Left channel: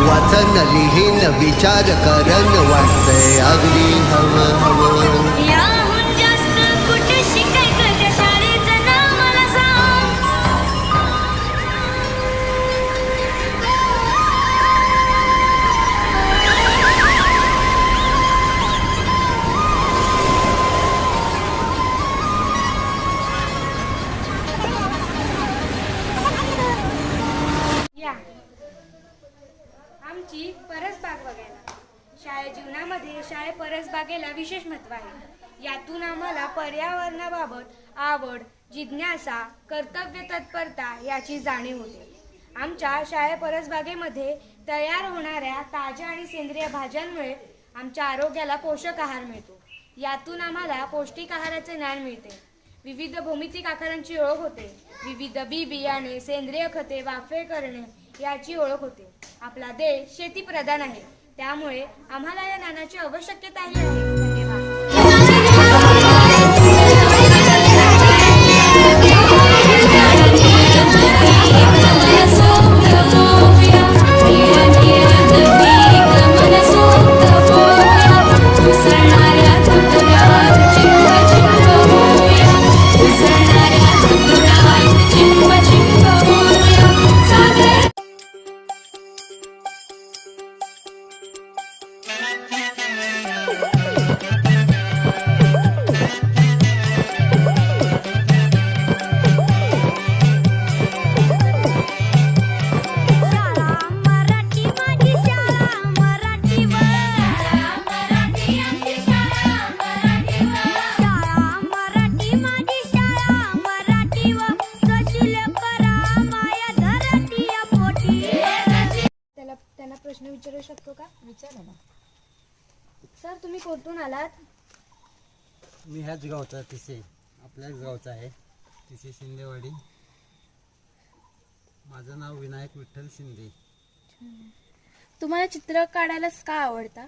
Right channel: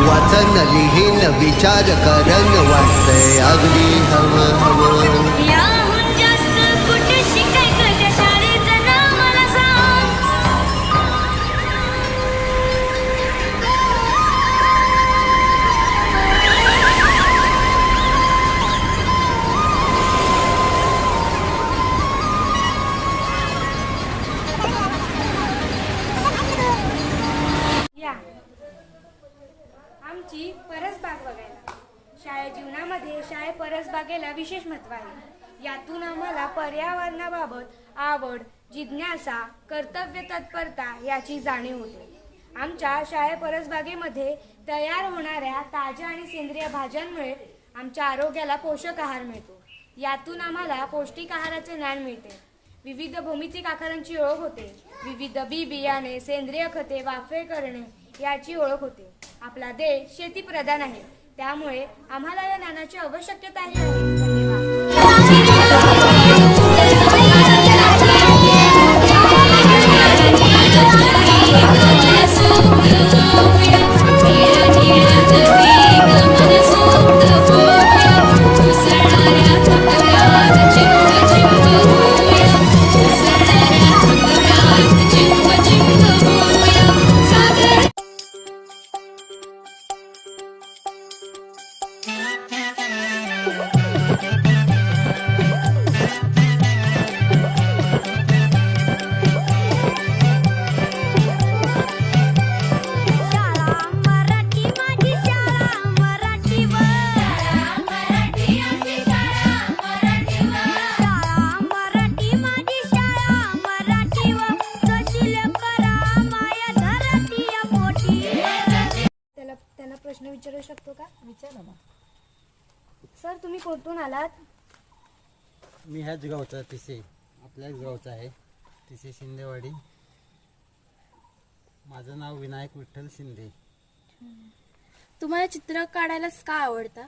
वाचन लिहीन विचार करन वाटतंय अगदी हवं हवं. याहून जास्त कुठे शिकायचं त्या शाळेचं नाव मला सांग. या आमची परसबाग बघायला. शाळे जीवनामध्ये शाळे परसबागेला विशेष महत्त्व आहे. यातून आम्हाला पर्यावरणाबाबत आवड, जिज्ञासा, कर्तव्य तत्परता याची जाणीव होते. आमच्या शाळे परसबागेमध्ये तयार होणाऱ्या ताज्या आणि सेंद्रिय भाज्यांमुळे आमच्या आरोग्याला पोषक आहार मिळतो. यातून आम्हाला पौष्टिक आहाराचे ज्ञान मिळते. विविध भौमितिक आकारांची ओळख होते. विविध बी बियाणे, सेंद्रिय खते वाफे करणे याची ओळख होते. आपला देश शेतीप्रधान आहे, त्यामुळे आम्हाला या ज्ञानाची आवश्यकताही आहे. धन्यवाद. प्रश्न विचारू शकतो का? विचारा ना. सर, तुम्ही कुठून आलात? मी ह्याच गावचा तिसे आपल्याच गावचा आहे तिसे शिंदेवाडी. माझं नाव विनायक विठ्ठल शिंदे. तुम्हाला चित्र काढायलाच का आवडतं?